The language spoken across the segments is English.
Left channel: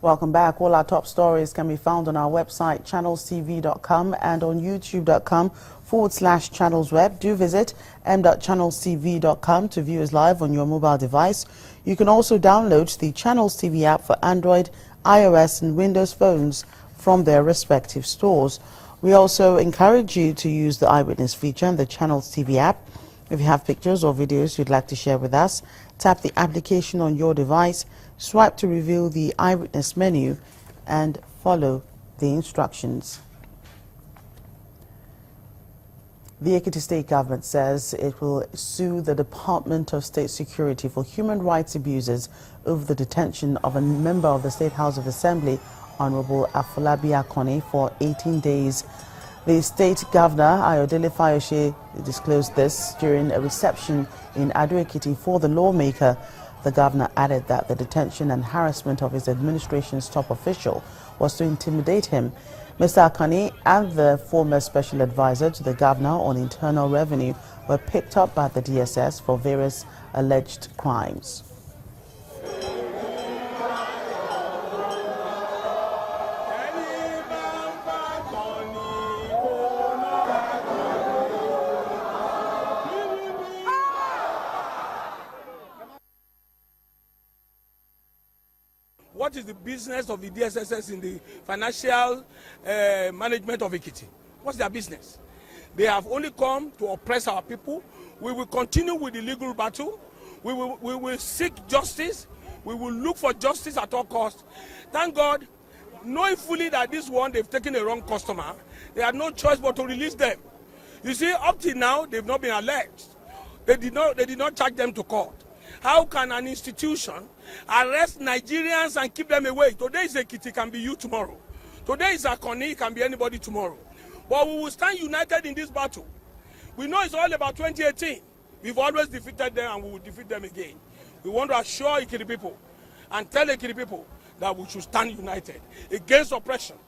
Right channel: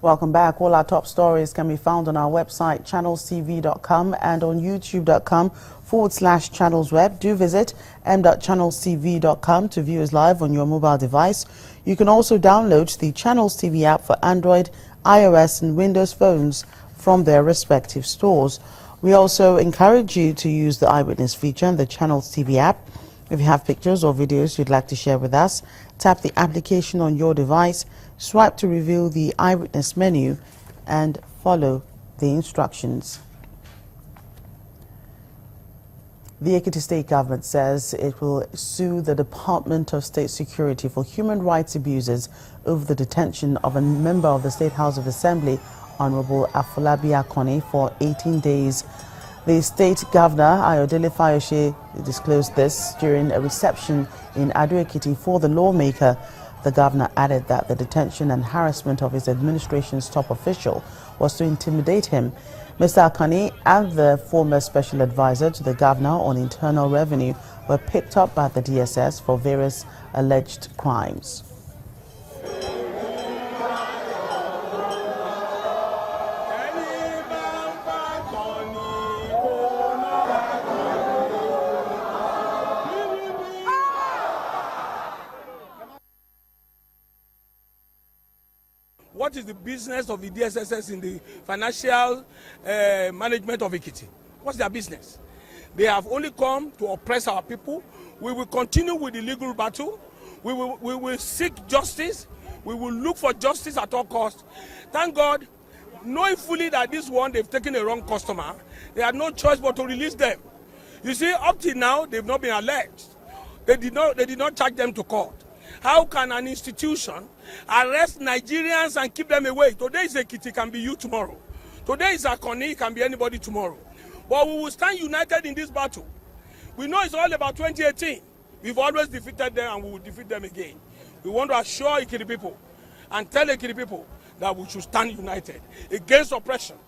Welcome back. All our top stories can be found on our website, channelstv.com, and on youtube.com/channelsweb. Do visit m.channelstv.com to view us live on your mobile device. You can also download the Channels TV app for Android, iOS, and Windows phones from their respective stores. We also encourage you to use the Eyewitness feature in the Channels TV app. If you have pictures or videos you'd like to share with us, tap the application on your device, swipe to reveal the Eyewitness menu, and follow the instructions. The Ekiti State Government says it will sue the Department of State Security for human rights abuses over the detention of a member of the State House of Assembly, Honorable Afolabi Akoni, for 18 days. The State Governor, Ayodele Fayose, disclosed this during a reception in Ado-Ekiti for the lawmaker. The governor added that the detention and harassment of his administration's top official was to intimidate him. Mr. Akani and the former special advisor to the governor on internal revenue were picked up by the DSS for various alleged crimes. What is the business of the DSS in the financial management of Ekiti? What's their business? They have only come to oppress our people. We will continue with the legal battle. We will seek justice. We will look for justice at all costs. Thank God, knowing fully that this one, they've taken a wrong customer, they had no choice but to release them. You see, up till now, they've not been alleged. They did not charge them to court. How can an institution arrest Nigerians and keep them away? Today is Ekiti, can be you tomorrow. Today is Akoni, can be anybody tomorrow. But we will stand united in this battle. We know it's all about 2018. We've always defeated them and we will defeat them again. We want to assure Ekiti people and tell Ekiti people that we should stand united against oppression.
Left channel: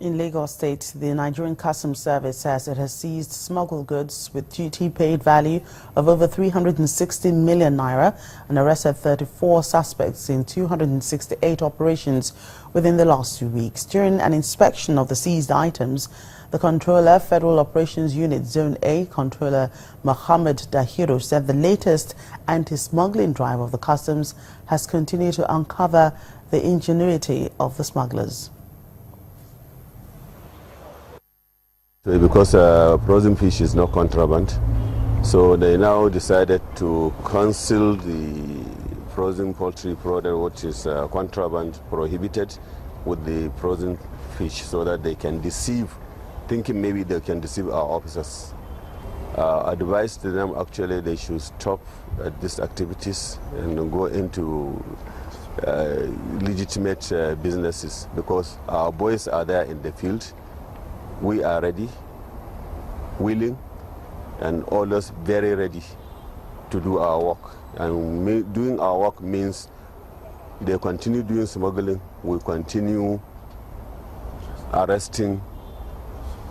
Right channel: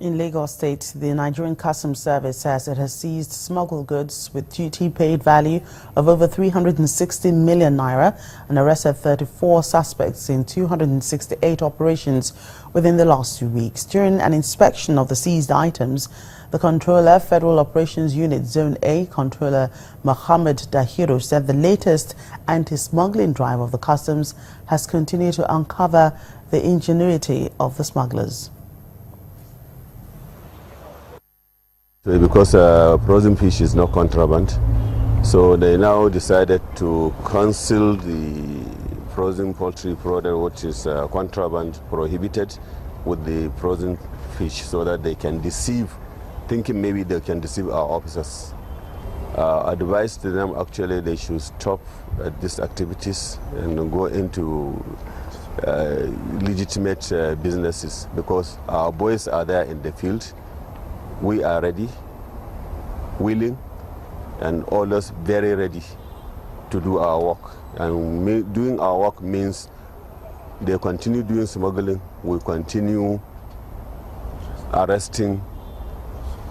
In Lagos State, the Nigerian Customs Service says it has seized smuggled goods with duty-paid value of over 360 million naira and arrested 34 suspects in 268 operations within the last 2 weeks. During an inspection of the seized items, the Controller, Federal Operations Unit Zone A, Controller Mohammed Dahiru, said the latest anti-smuggling drive of the customs has continued to uncover the ingenuity of the smugglers. Because frozen fish is not contraband, so they now decided to cancel the frozen poultry product, which is contraband prohibited, with the frozen fish, so that they can deceive, thinking maybe they can deceive our officers. Advice to them, actually, they should stop these activities and go into legitimate businesses, because our boys are there in the field. We are ready, willing, and always very ready to do our work. And doing our work means they continue doing smuggling, we continue arresting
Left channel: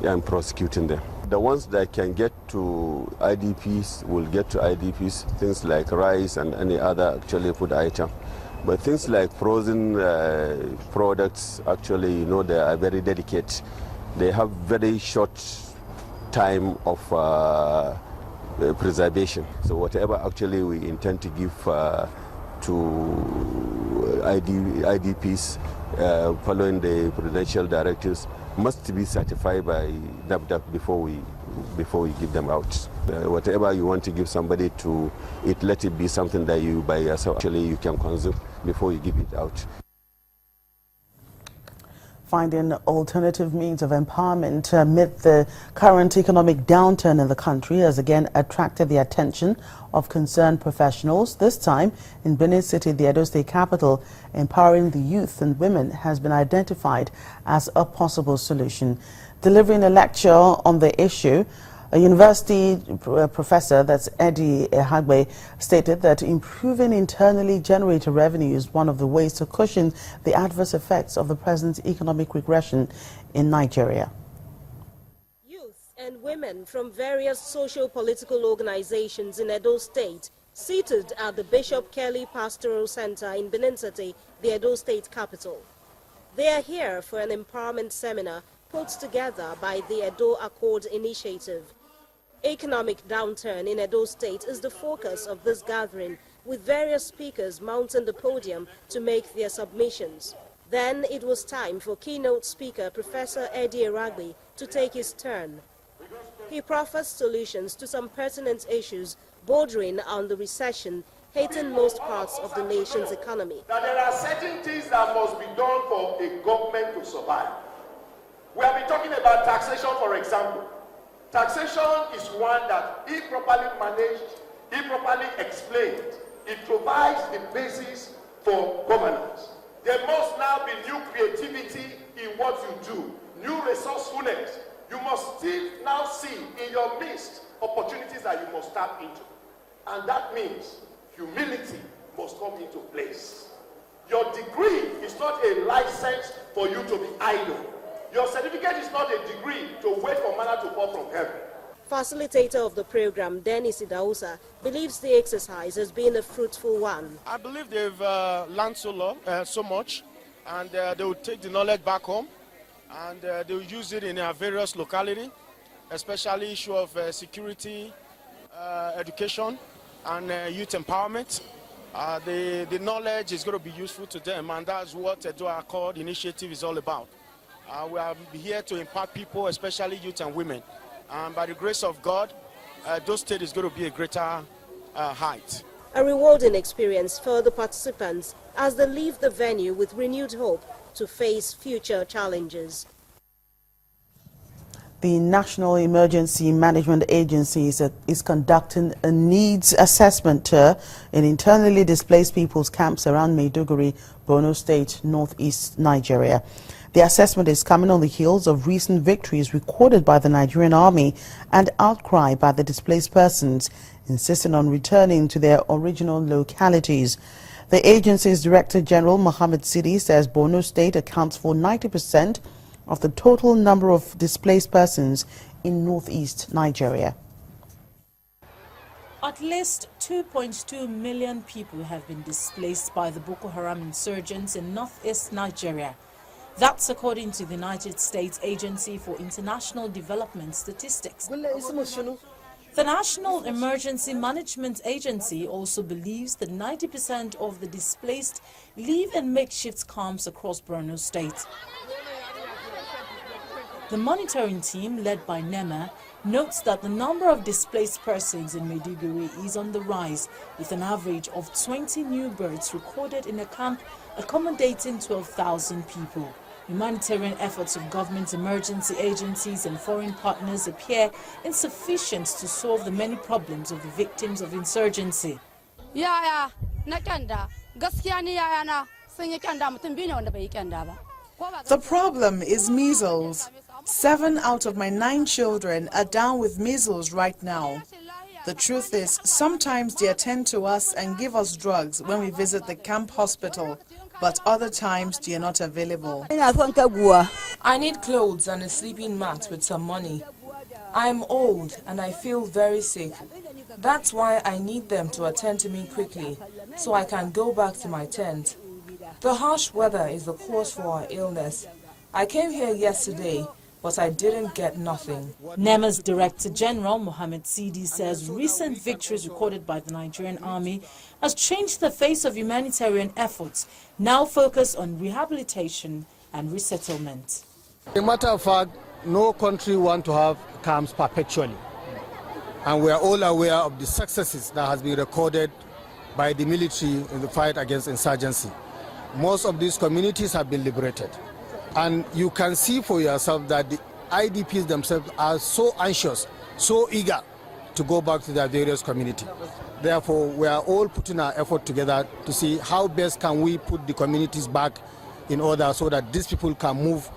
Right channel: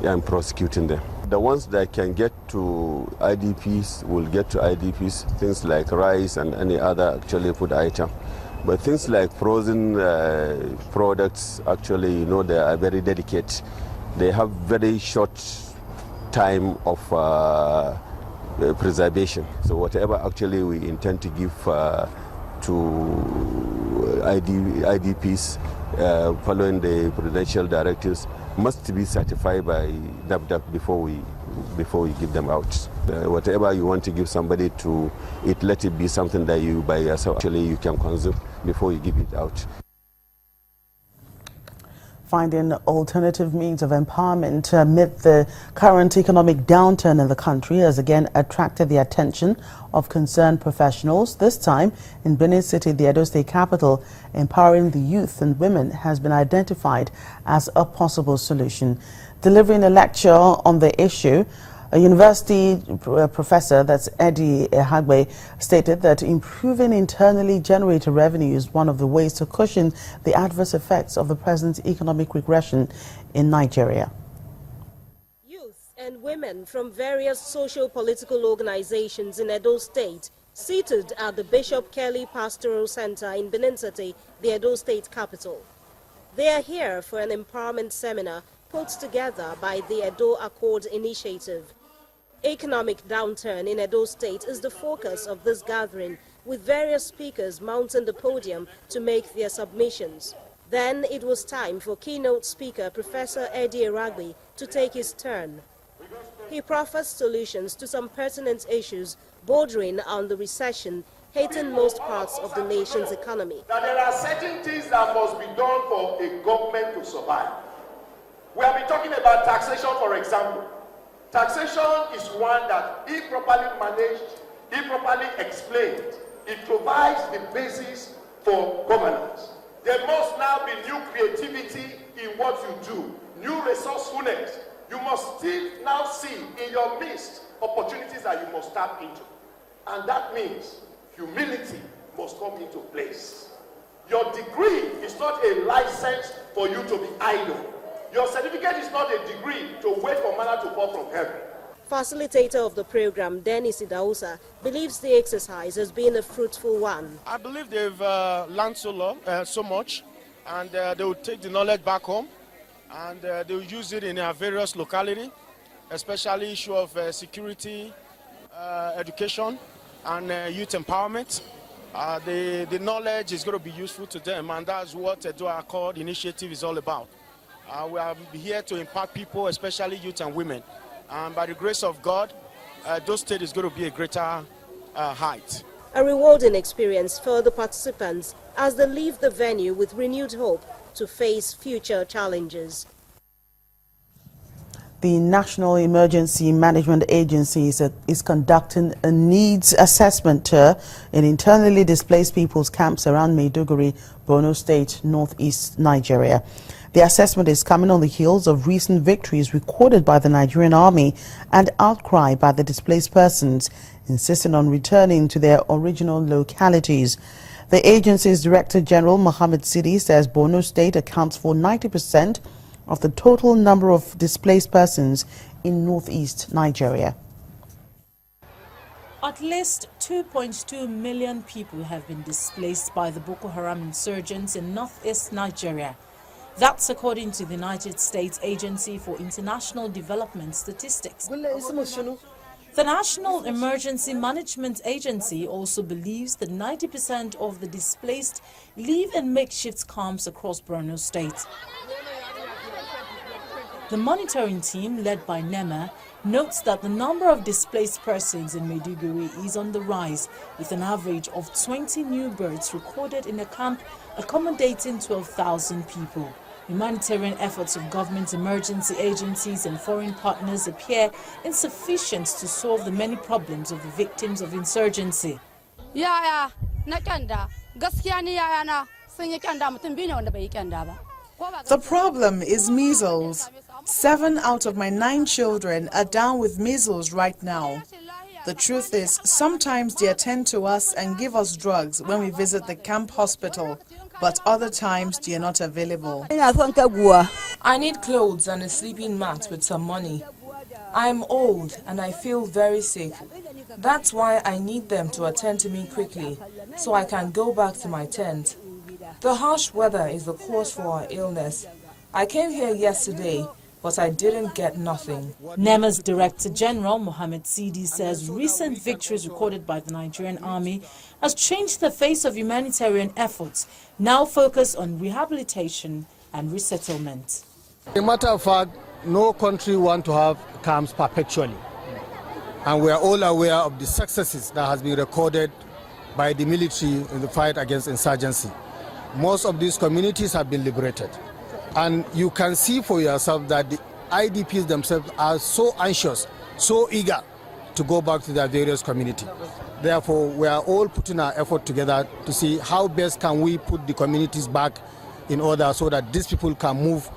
and prosecuting them. The ones that can get to IDPs will get to IDPs, things like rice and any other actually food item. But things like frozen products, actually, you know, they are very delicate. They have very short time of preservation. So whatever actually we intend to give to IDPs following the prudential directives must be certified by NAFDAC before we give them out. Whatever you want to give somebody to eat, let it be something that you by yourself actually you can consume before you give it out. Finding alternative means of empowerment amid the current economic downturn in the country has again attracted the attention of concerned professionals. This time in Benin City, the Edo State capital, empowering the youth and women has been identified as a possible solution. Delivering a lecture on the issue, a university professor, that's Eddie Ehagbe, stated that improving internally generated revenue is one of the ways to cushion the adverse effects of the present economic regression in Nigeria. Youth and women from various socio-political organizations in Edo State seated at the Bishop Kelly Pastoral Center in Benin City, the Edo State capital. They are here for an empowerment seminar put together by the Edo Accord Initiative. Economic downturn in Edo State is the focus of this gathering, with various speakers mounting the podium to make their submissions. Then it was time for keynote speaker Professor Eddie Eragli to take his turn. He proffers solutions to some pertinent issues bordering on the recession hitting most parts of the nation's economy. Now there are certain things that must be done for a government to survive. We have been talking about taxation, for example. Taxation is one that, if properly managed, if properly explained, it provides the basis for governance. There must now be new creativity in what you do, new resourcefulness. You must still now see in your midst opportunities that you must tap into. And that means humility must come into place. Your degree is not a license for you to be idle. Your certificate is not a degree to wait for manna to fall from heaven. Facilitator of the program, Dennis Idausa, believes the exercise has been a fruitful one. I believe they've learned so much, and they will take the knowledge back home, and they will use it in their various localities, especially issue of security, education, and youth empowerment. The knowledge is going to be useful to them, and that's what the Edo Accord Initiative is all about. We are here to impact people, especially youth and women. And by the grace of God, Edo State is going to be a greater height. A rewarding experience for the participants as they leave the venue with renewed hope to face future challenges. The National Emergency Management Agency is conducting a needs assessment tour in internally displaced people's camps around Maiduguri, Borno State, northeast Nigeria. The assessment is coming on the heels of recent victories recorded by the Nigerian Army and outcry by the displaced persons, insisting on returning to their original localities. The agency's Director General, Mohammed Sidi, says Borno State accounts for 90% of the total number of displaced persons in northeast Nigeria. At least 2.2 million people have been displaced by the Boko Haram insurgents in northeast Nigeria. That's according to the United States Agency for International Development Statistics. The National Emergency Management Agency also believes that 90% of the displaced live in makeshift camps across Borno State. The monitoring team, led by NEMA, notes that the number of displaced persons in Maiduguri is on the rise, with an average of 20 new births recorded in a camp accommodating 12,000 people. Humanitarian efforts of government emergency agencies and foreign partners appear insufficient to solve the many problems of the victims of insurgency. The problem is measles. 7 out of my 9 children are down with measles right now. The truth is, sometimes they attend to us and give us drugs when we visit the camp hospital, but other times they are not available. I need clothes and a sleeping mat with some money. I am old and I feel very sick. That's why I need them to attend to me quickly, so I can go back to my tent. The harsh weather is the cause for our illness. I came here yesterday, but I didn't get nothing. NEMA's Director General, Mohammed Sidi, says recent victories recorded by the Nigerian Army has changed the face of humanitarian efforts, now focused on rehabilitation and resettlement. As a matter of fact, no country wants to have camps perpetually. And we are all aware of the successes that has been recorded by the military in the fight against insurgency. Most of these communities have been liberated. And you can see for yourself that the IDPs themselves are so anxious, so eager to go back to their various communities. Therefore, we are all putting our effort together to see how best can we put the communities back in order so that these people can move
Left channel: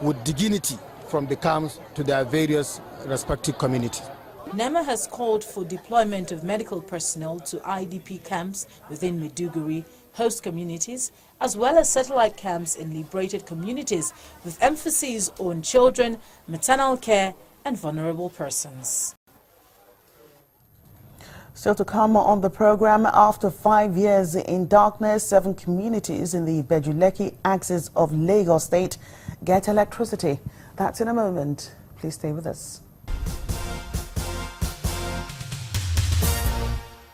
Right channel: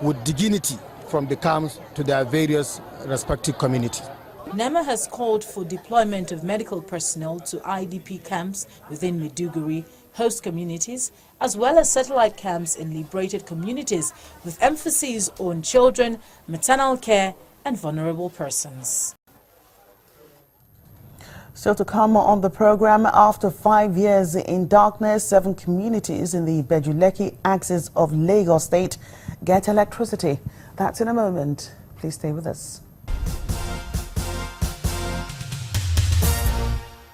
with dignity from the camps to their various respective communities. NEMA has called for deployment of medical personnel to IDP camps within Maiduguri, host communities, as well as satellite camps in liberated communities, with emphasis on children, maternal care, and vulnerable persons. Still to come on the program, after 5 years in darkness, 7 communities in the Bejuleki axis of Lagos State get electricity. That's in a moment. Please stay with us.